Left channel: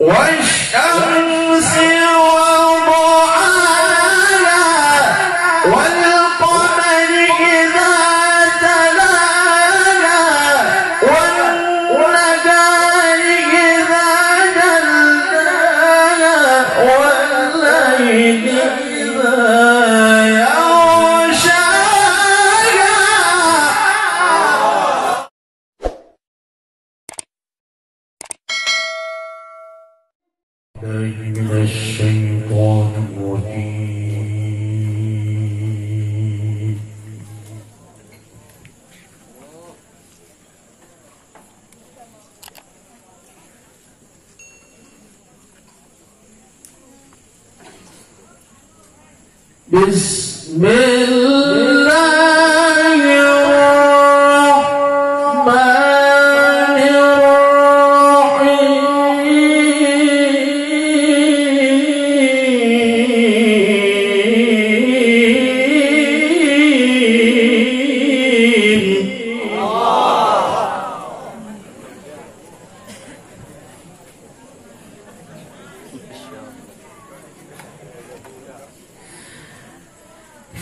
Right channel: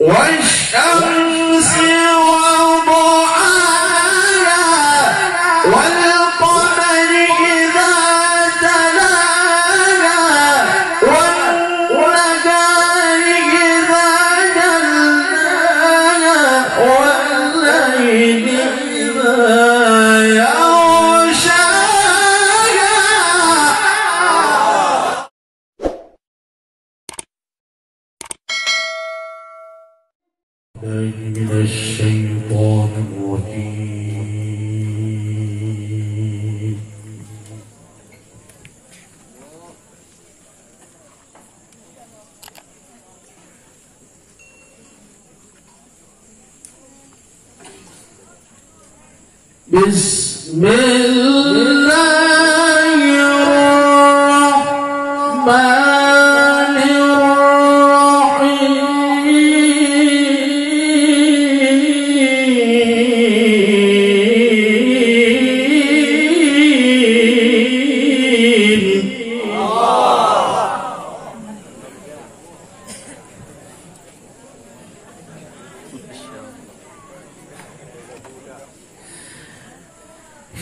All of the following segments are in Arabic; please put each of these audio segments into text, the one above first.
والشمس وضحاها والقمر إذا تلاها والنهار إذا جلاها والليل إذا من الشيطان الرجيم. بسم الله الرحمن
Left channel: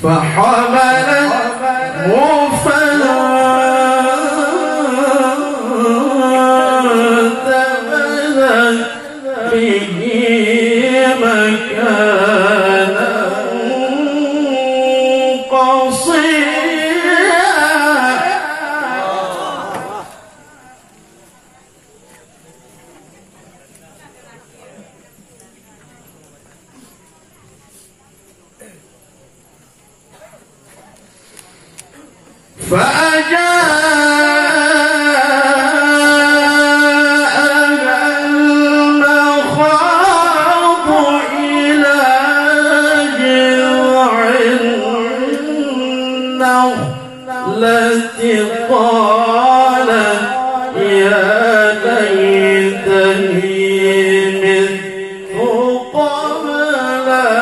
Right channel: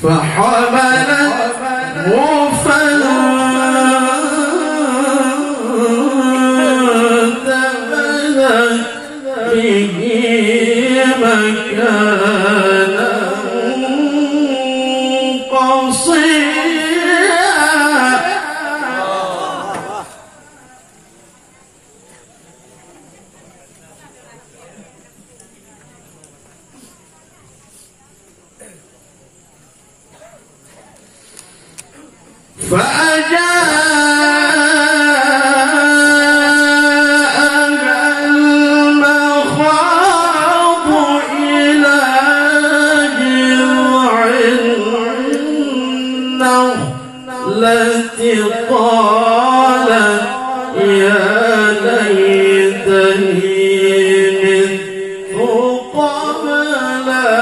فحملته فانتبذت به مكانا قصيا فأجاءها المخاض إلى جذع النخلة قالت يا ليتني مت قبل هذا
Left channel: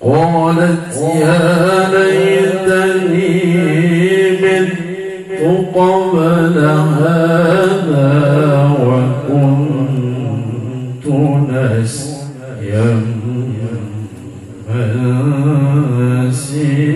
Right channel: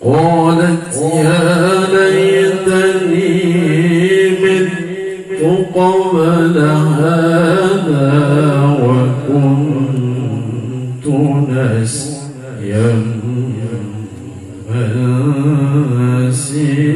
قالت يا ليتني مت قبل هذا وكنت نسيا منسيا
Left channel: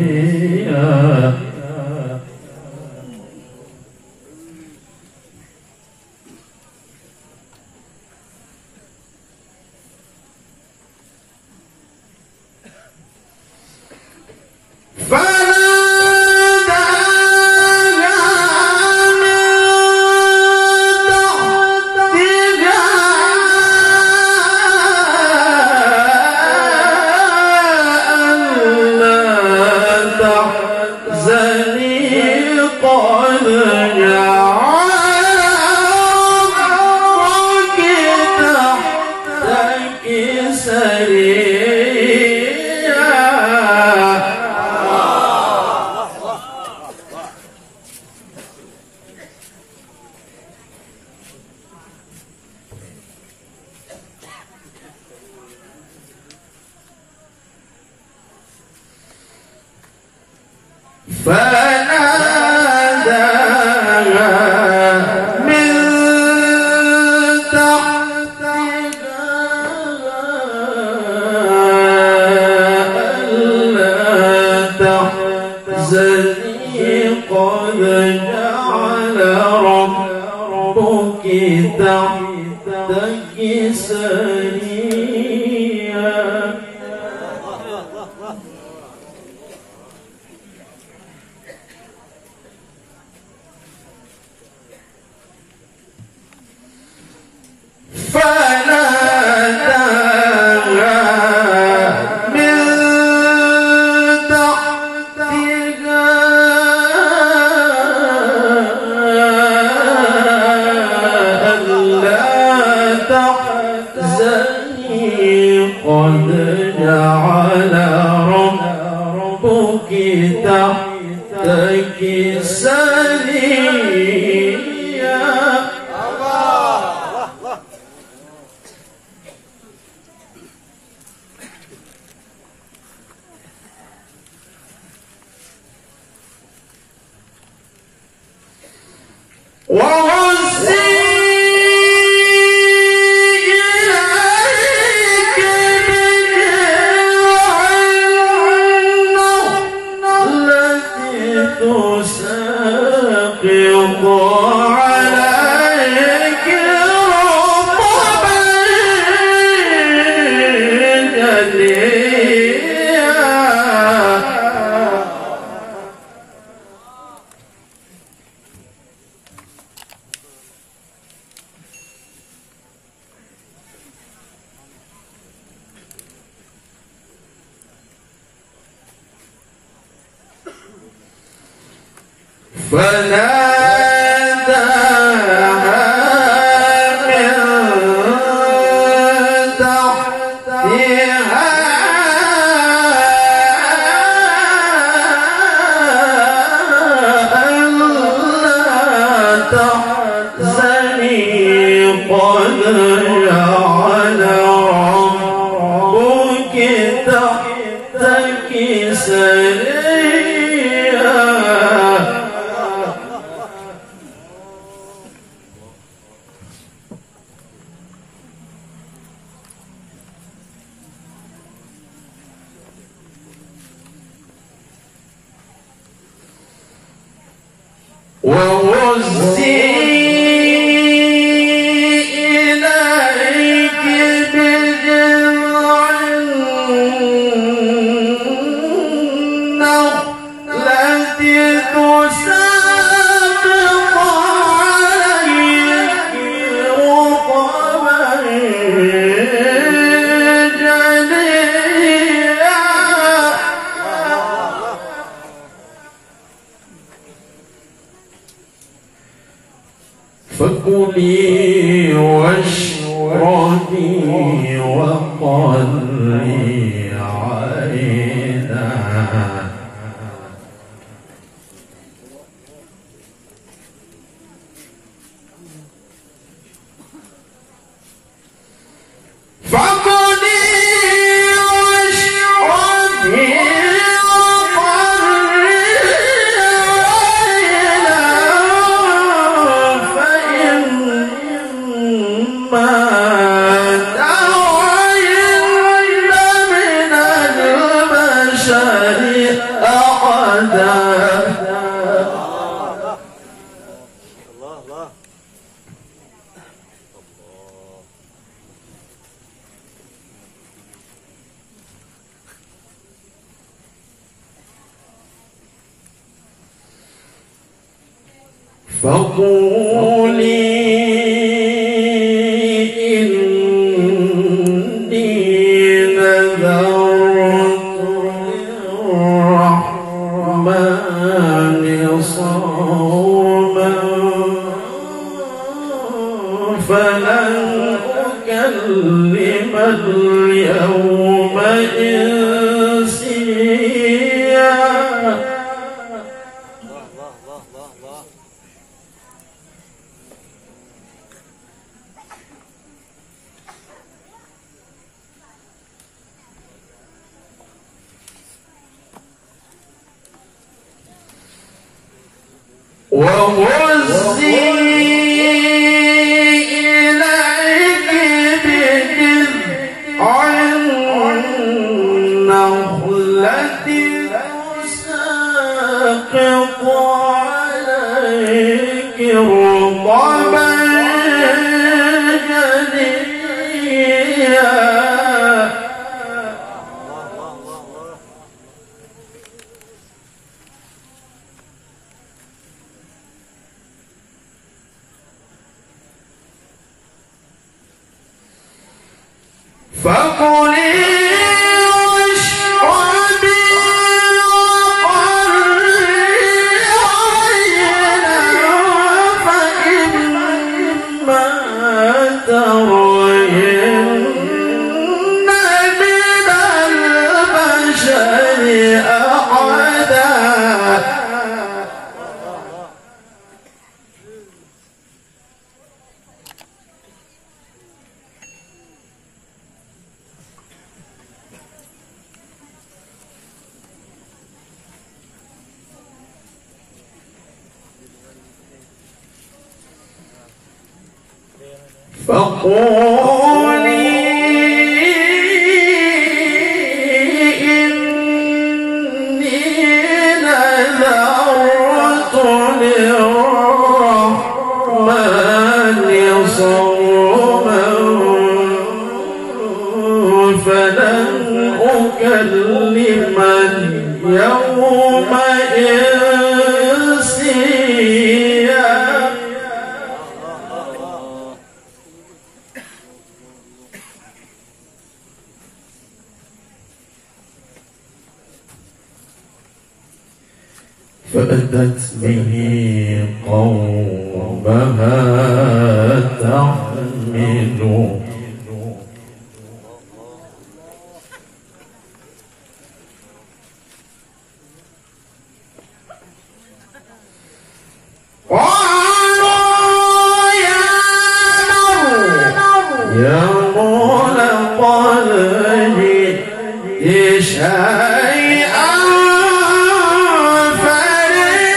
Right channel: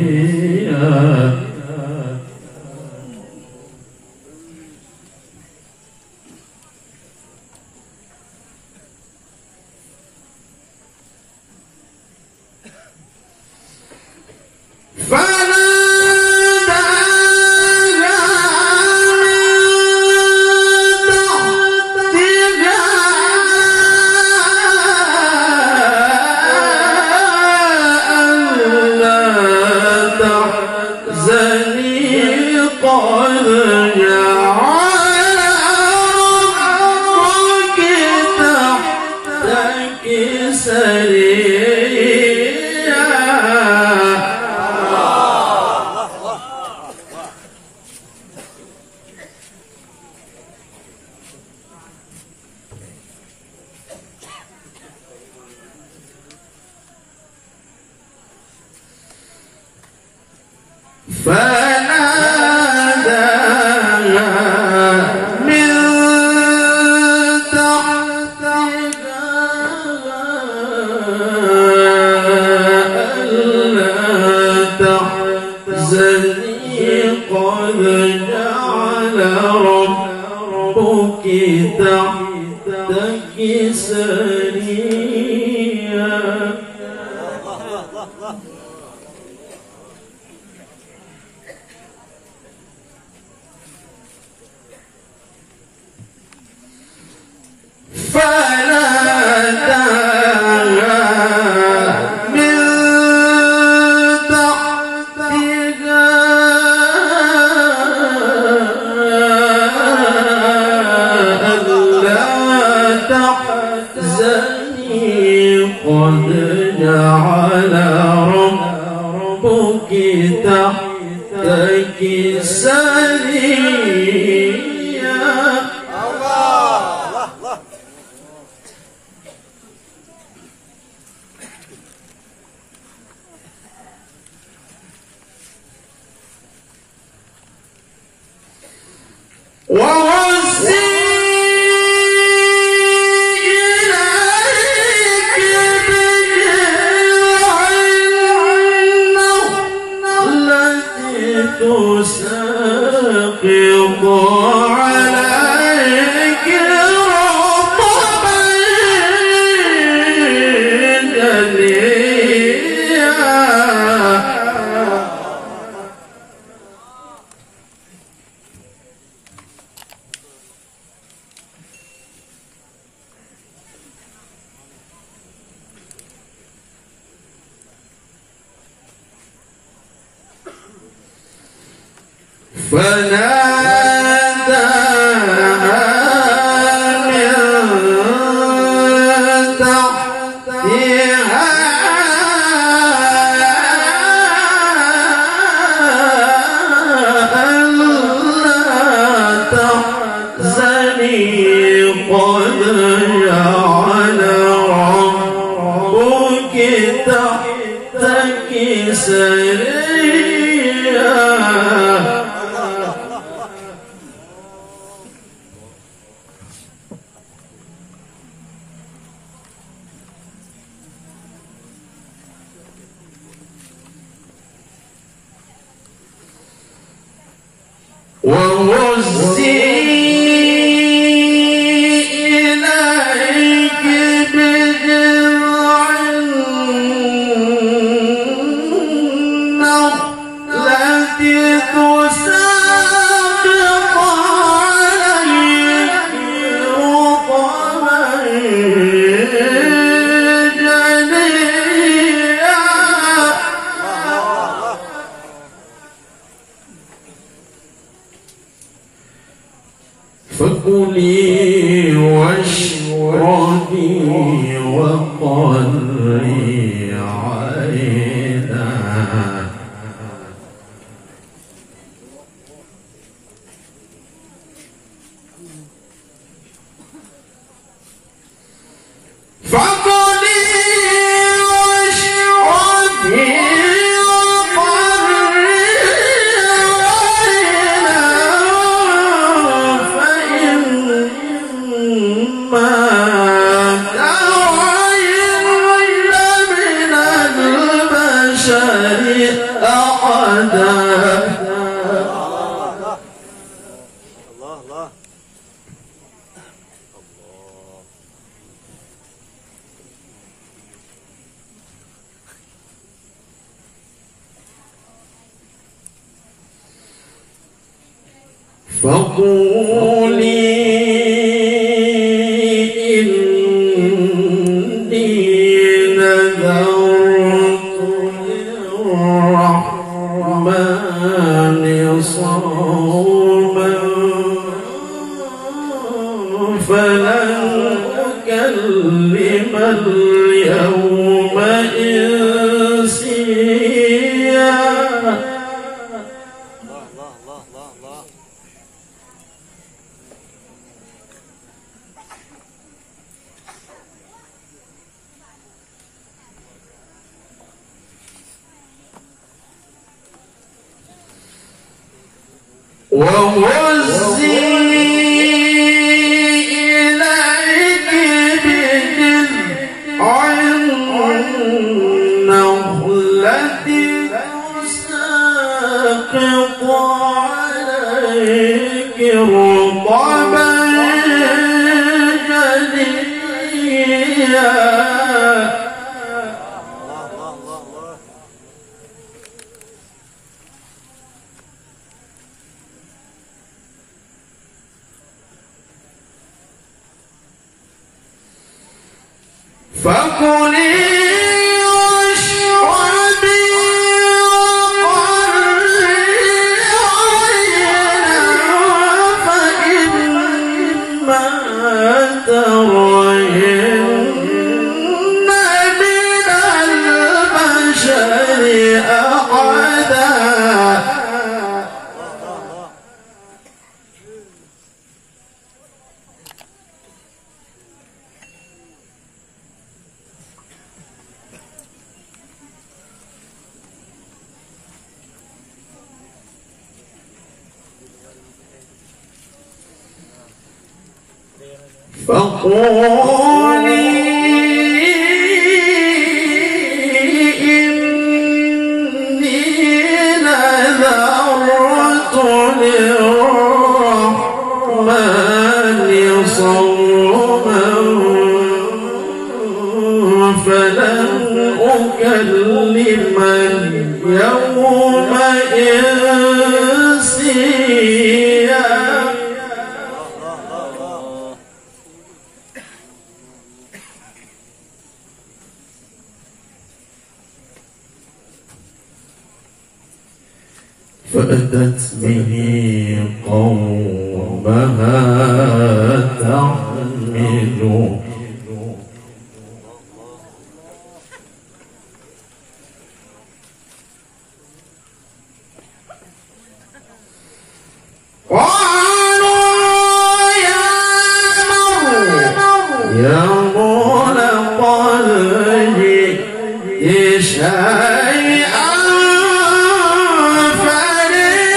فناداها من تحتها ألا تحزني قد جعل ربك تحتك سريا. وهزي إليك بجذع النخلة تساقط عليك رطبا جنيا. فكلي واشربي وقري عينا فكلي واشربي فقولي إني نذرت للرحمن صوما فلن أكلم اليوم إنسيا. وهزي إليك بجذع النخلة تساقط عليك رطبا جنيا. فكلي واشربي وقري عينا فإما ترين من البشر أحدا فقولي إني نذرت للرحمن صوما فلن أكلم اليوم إنسيا. فأتت به قومها تحمله يا لقد جئت شيئا فريا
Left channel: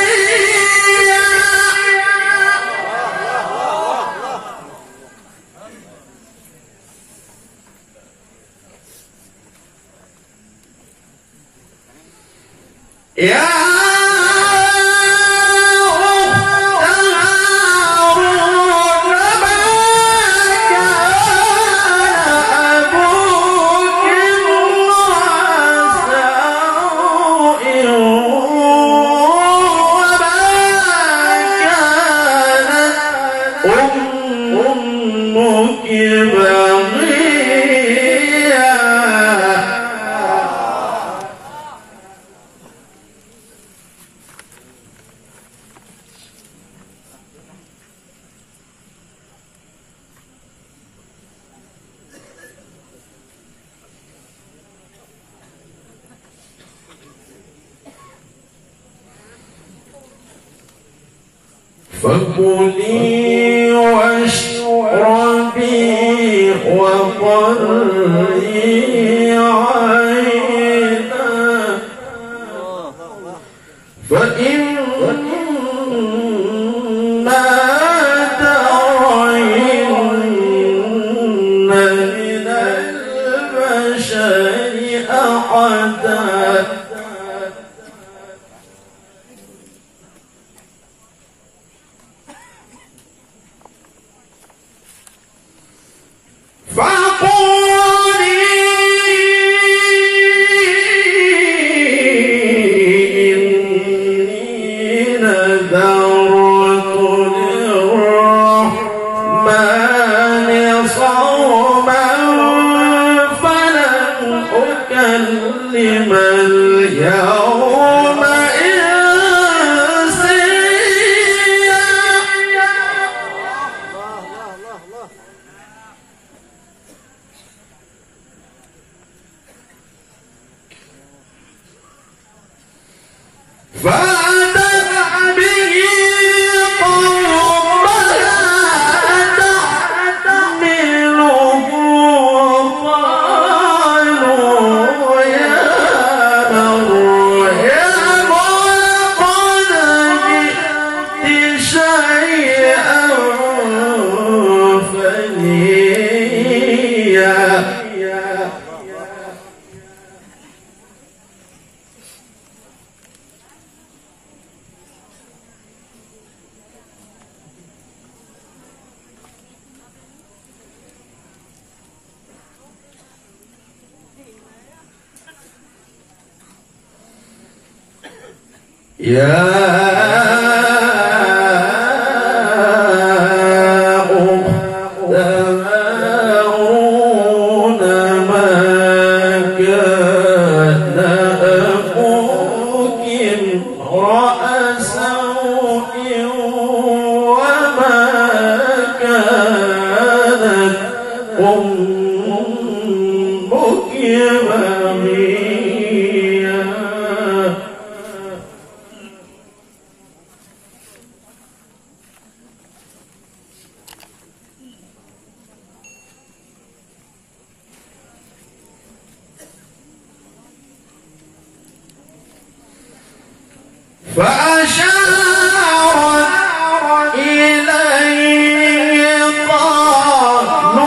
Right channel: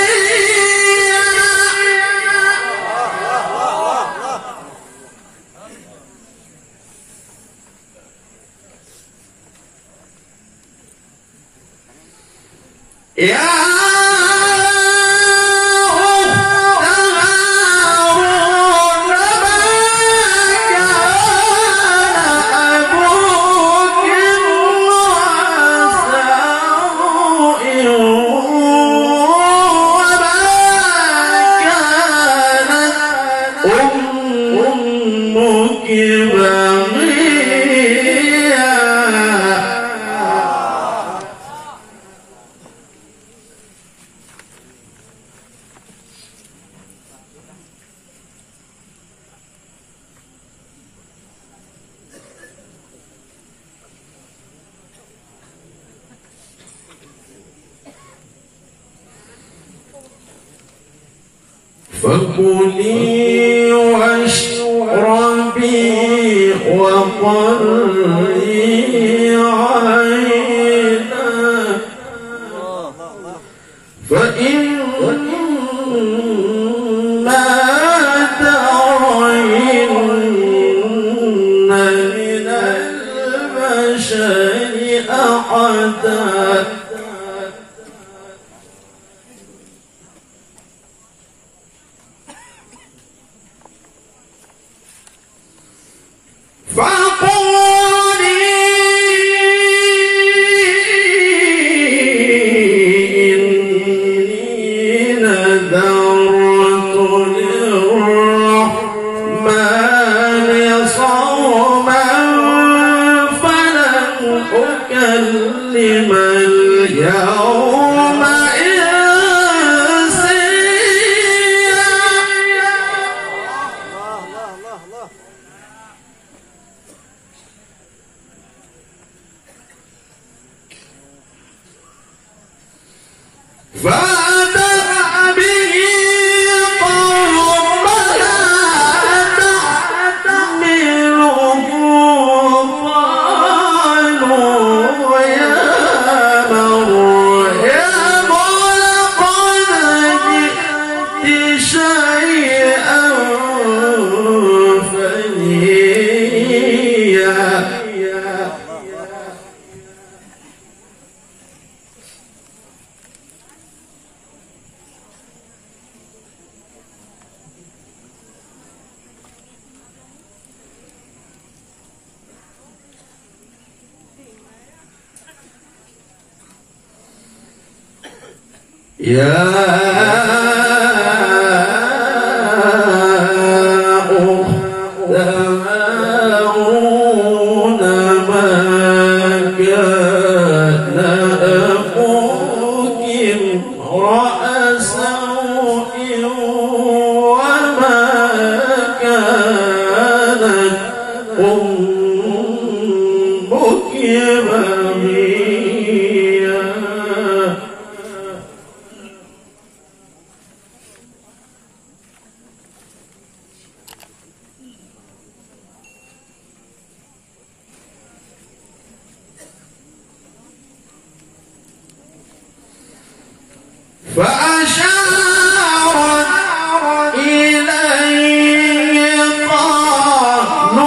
يا فكلي واشربي وقري عينا فإما ترين من البشر أحدا فقولي إني نذرت للرحمن صوما فلن أكلم اليوم فأتت به قومها تحمله قالوا يا مريم لقد جئت شيئا فريا يا أخت هارون ما كان أخوك امرأ سوء وما كانت أمك بغيا فأشارت إليه قالوا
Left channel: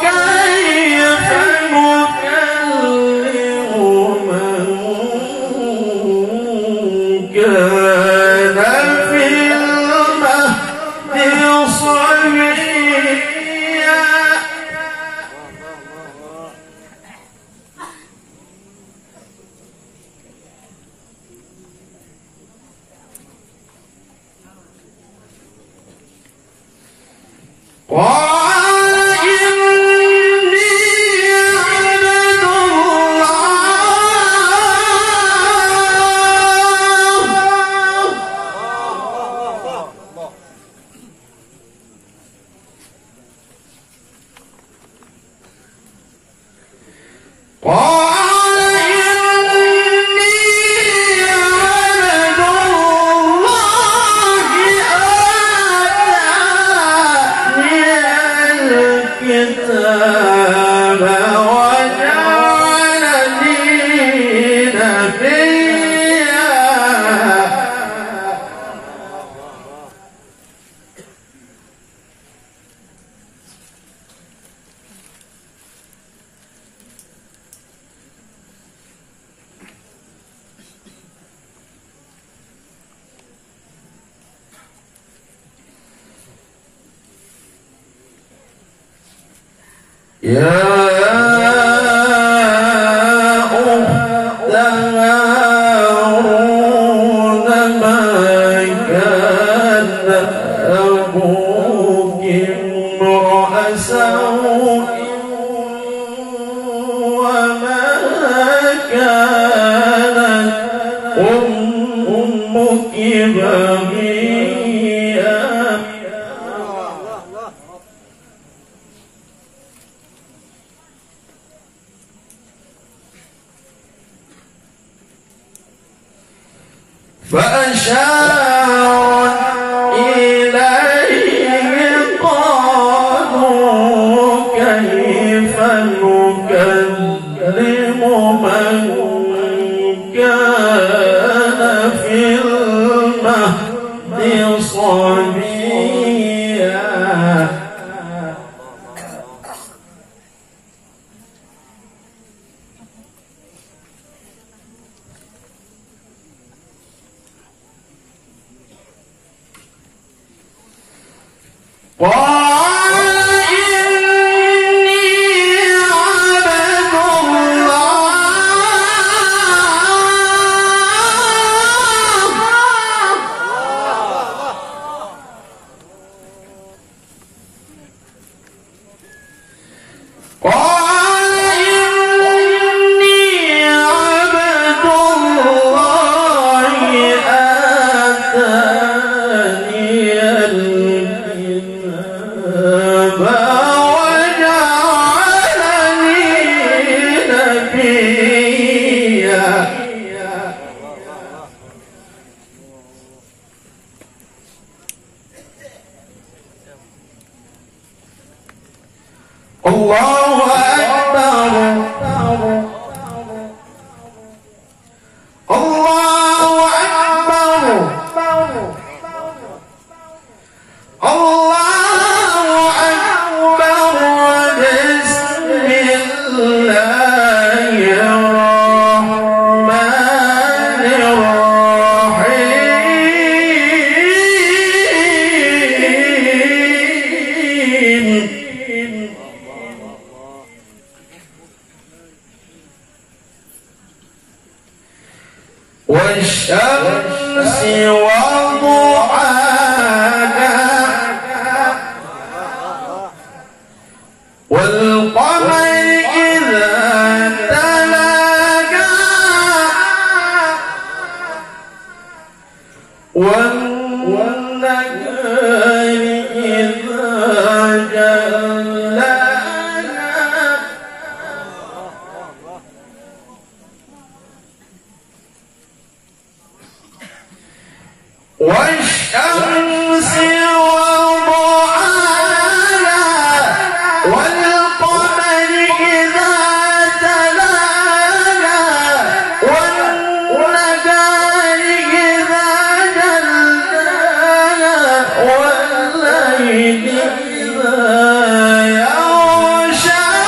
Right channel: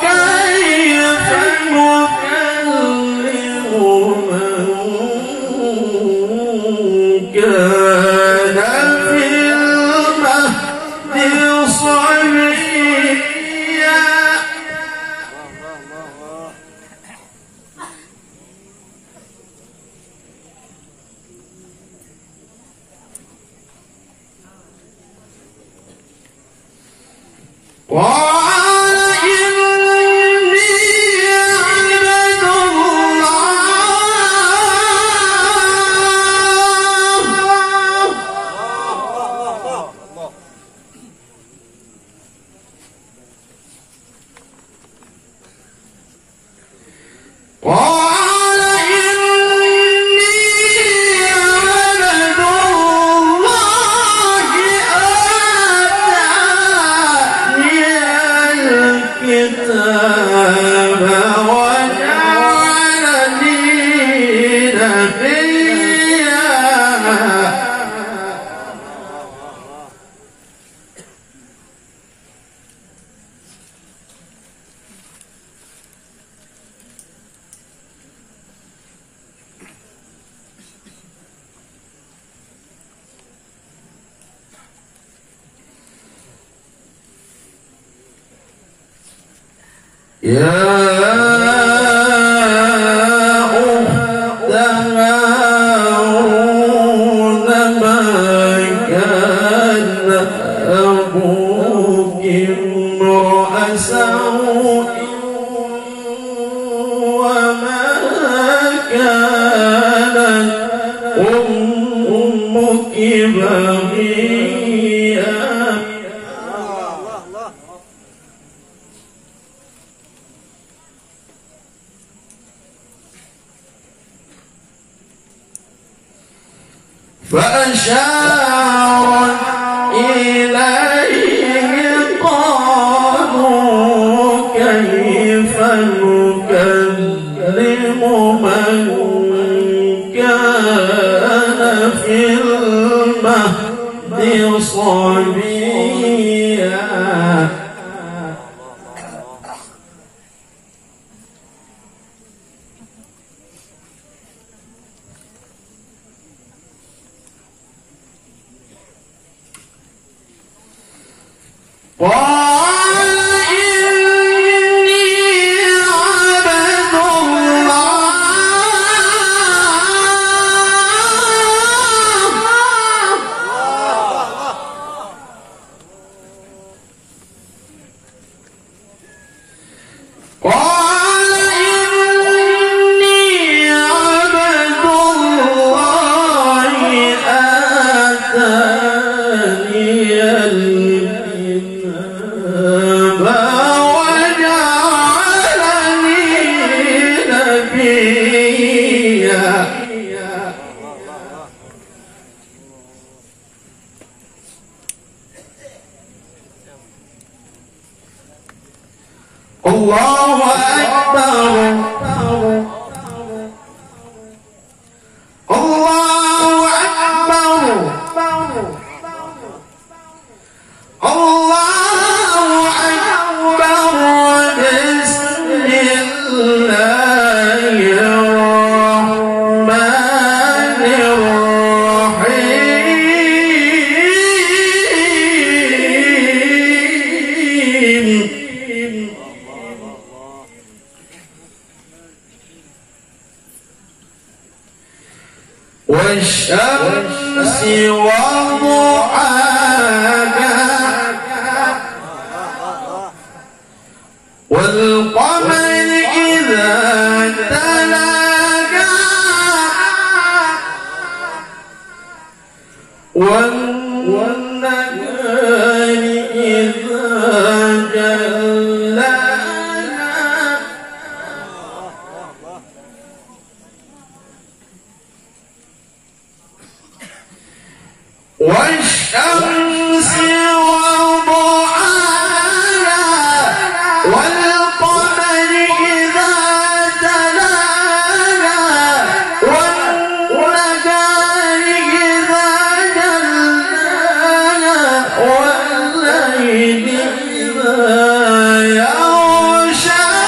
كيف نكلم من كان في المهد صبيا قال إني عبد الله قال إني عبد الله آتاني الكتاب وجعلني نبيا يا أخت هارون ما كان أبوك امرأ سوء وما كانت أمك بغيا فأشارت إليه قالوا كيف نكلم من كان في المهد صبيا قال إني عبد الله قال إني عبد الله آتاني الكتاب وجعلني نبيا الله أكبر الله أكبر الله أكبر بسم الله الرحمن الرحيم والشمس وضحاها والقمر إذا تلاها والنهار إذا جلاها والشمس وضحاها والقمر إذا تلاها والنهار إذا جلاها والليل إذا يغشاها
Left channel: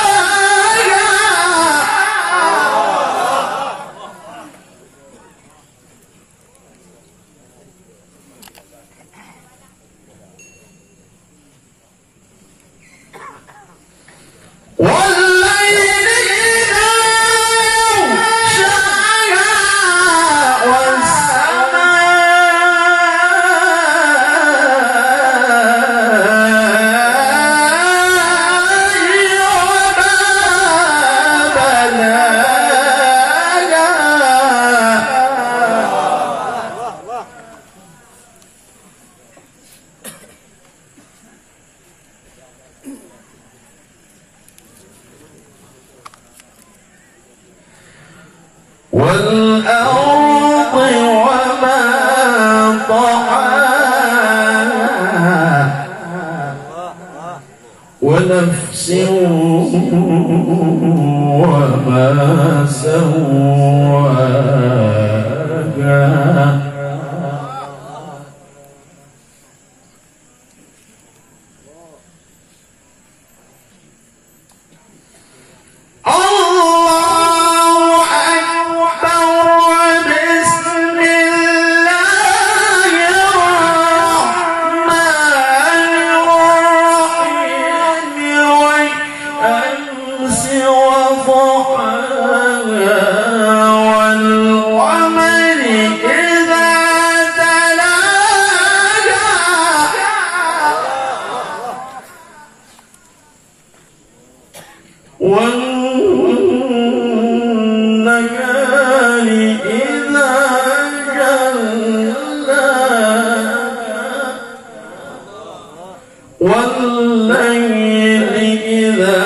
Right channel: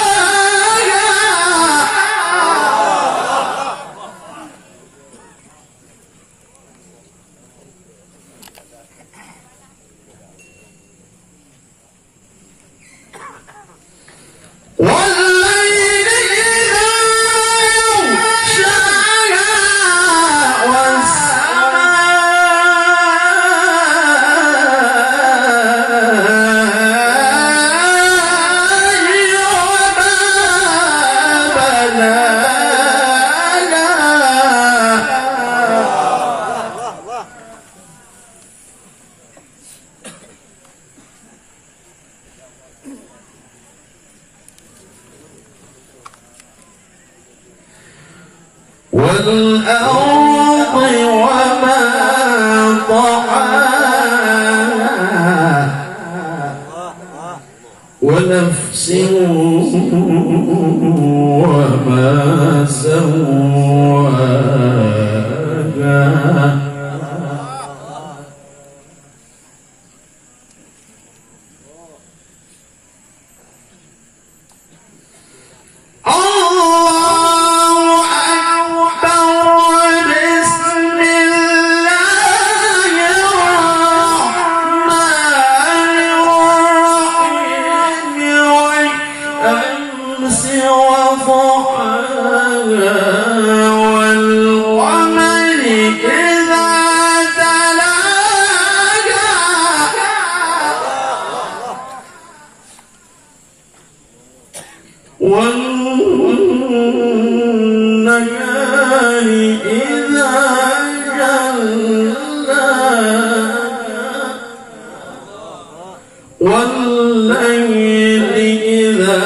والليل إذا يغشاها والأرض وما طحاها ونفس وما سواها والنهار إذا جلاها والليل إذا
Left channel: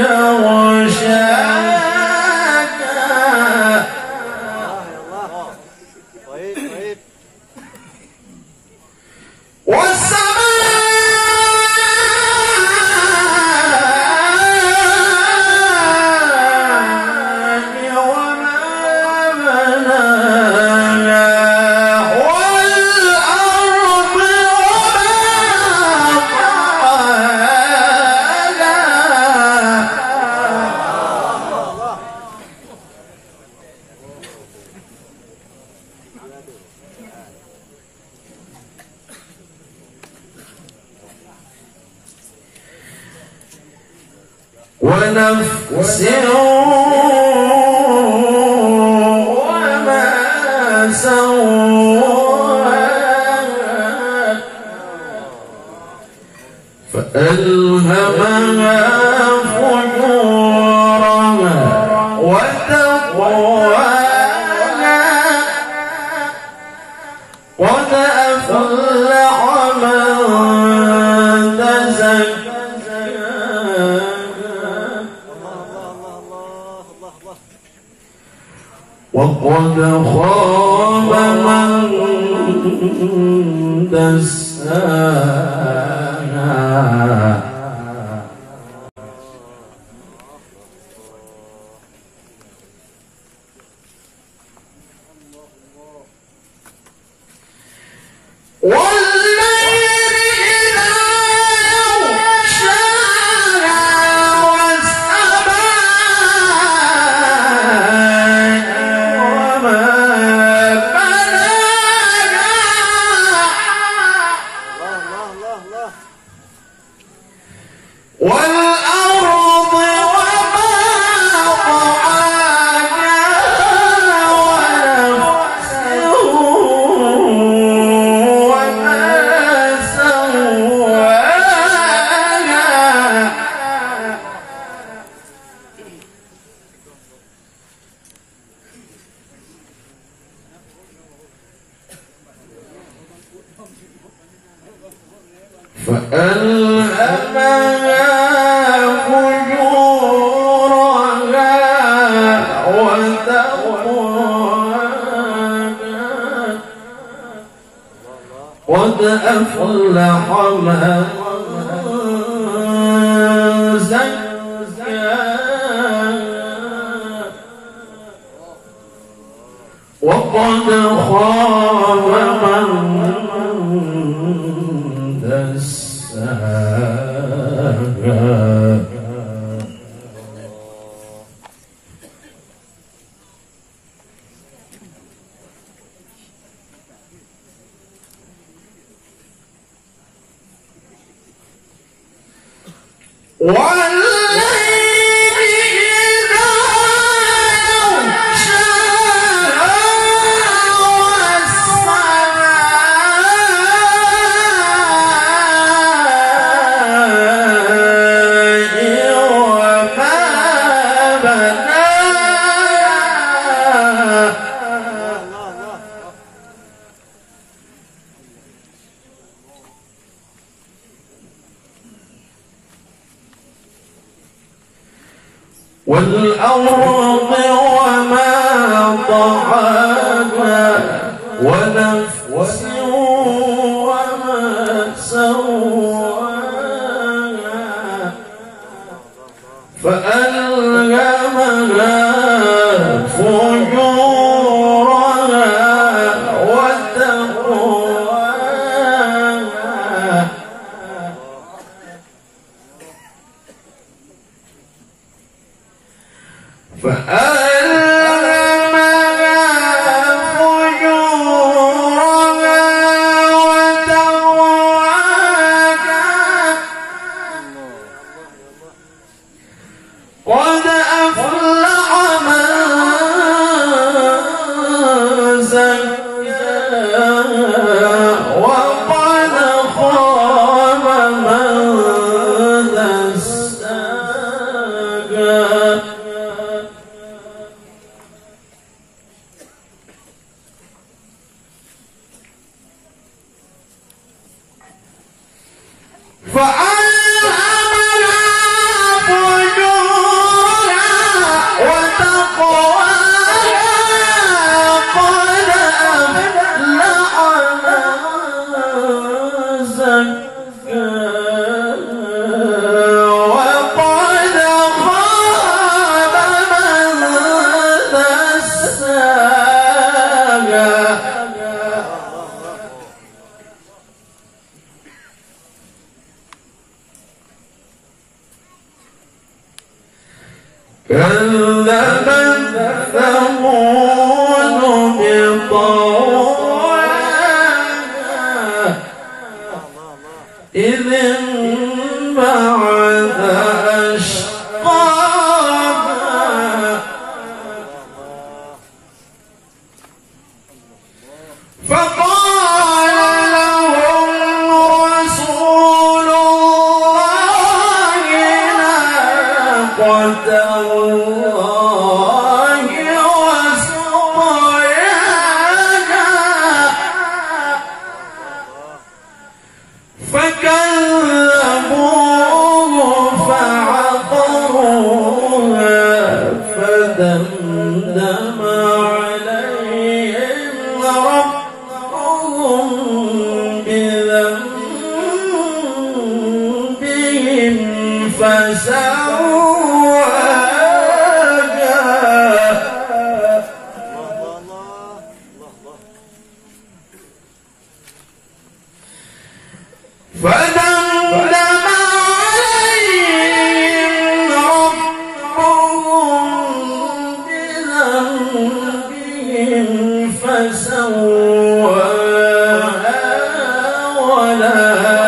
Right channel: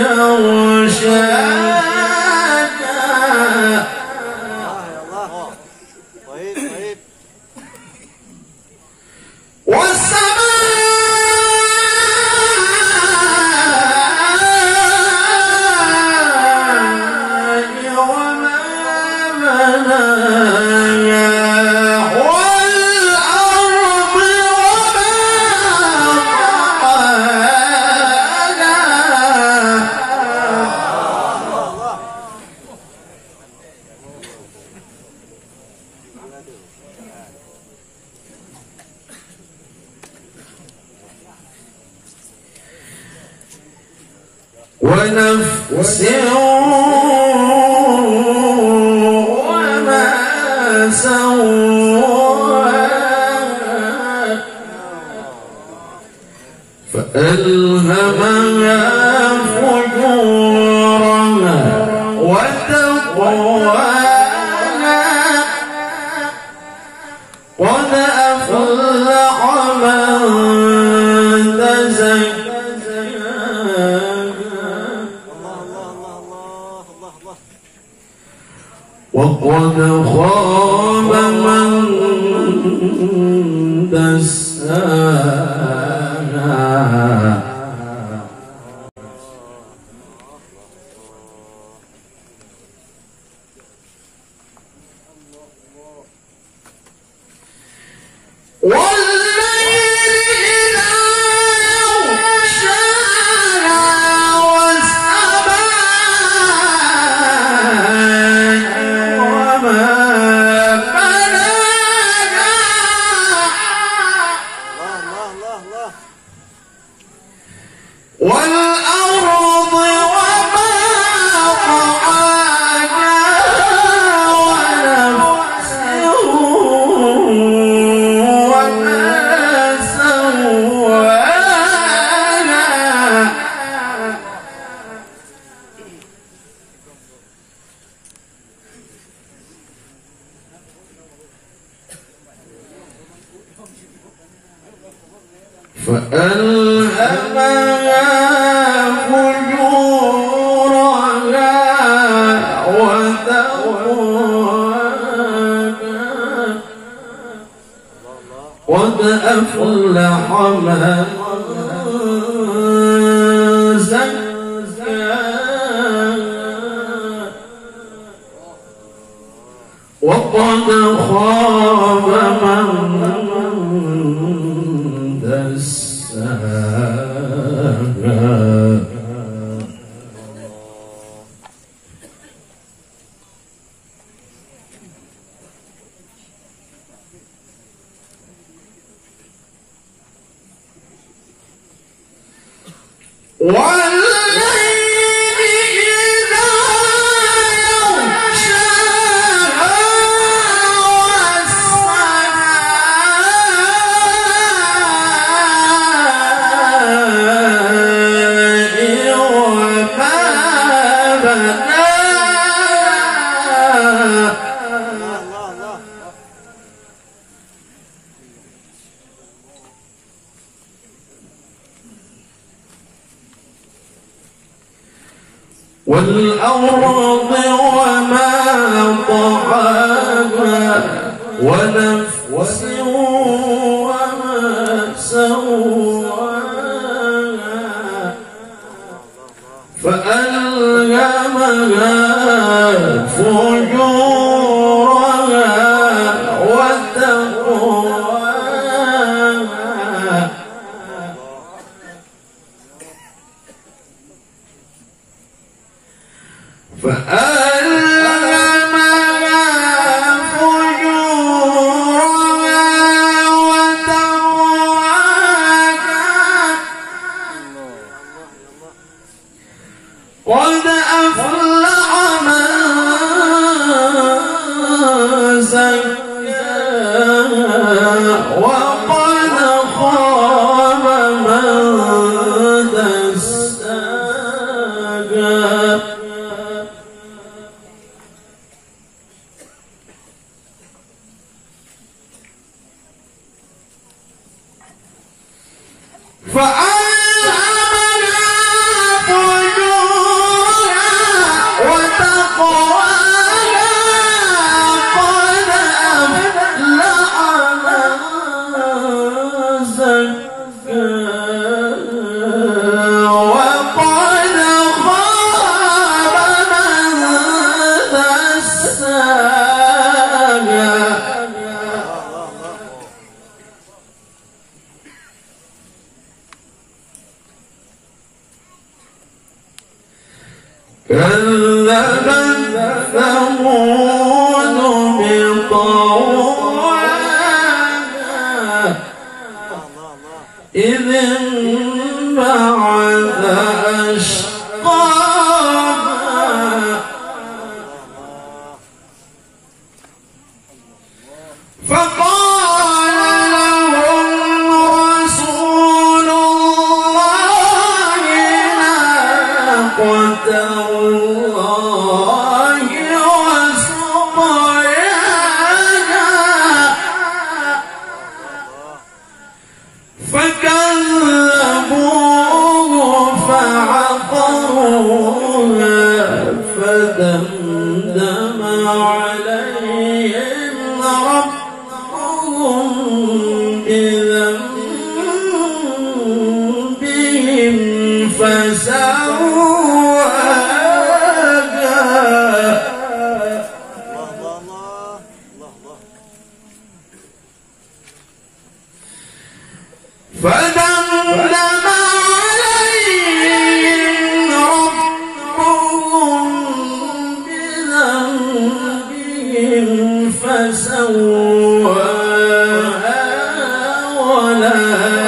يغشاها ونفس وما سواها فألهمها فجورها وتقواها قد أفلح من وقد خاب من دساها والأرض وما طحاها ونفس وما سواها فألهمها فجورها وتقواها قد أفلح من زكاها وقد خاب من دساها والليل إذا يغشاها والأرض وما طحاها ونفس وما سواها فألهمها فجورها وتقواها قد أفلح من زكاها وقد خاب من دساها فألهمها فجورها وتقواها قد أفلح من زكاها وقد خاب من دساها كذبت ثمود بطغواها إذ انبعث أشقاها فقال لهم رسول الله ناقة الله وسقياها فكذبوه فعقروها فدمدم عليهم ربهم بذنبهم فسواها فدمدم عليهم ربهم بذنبهم فسواها ولا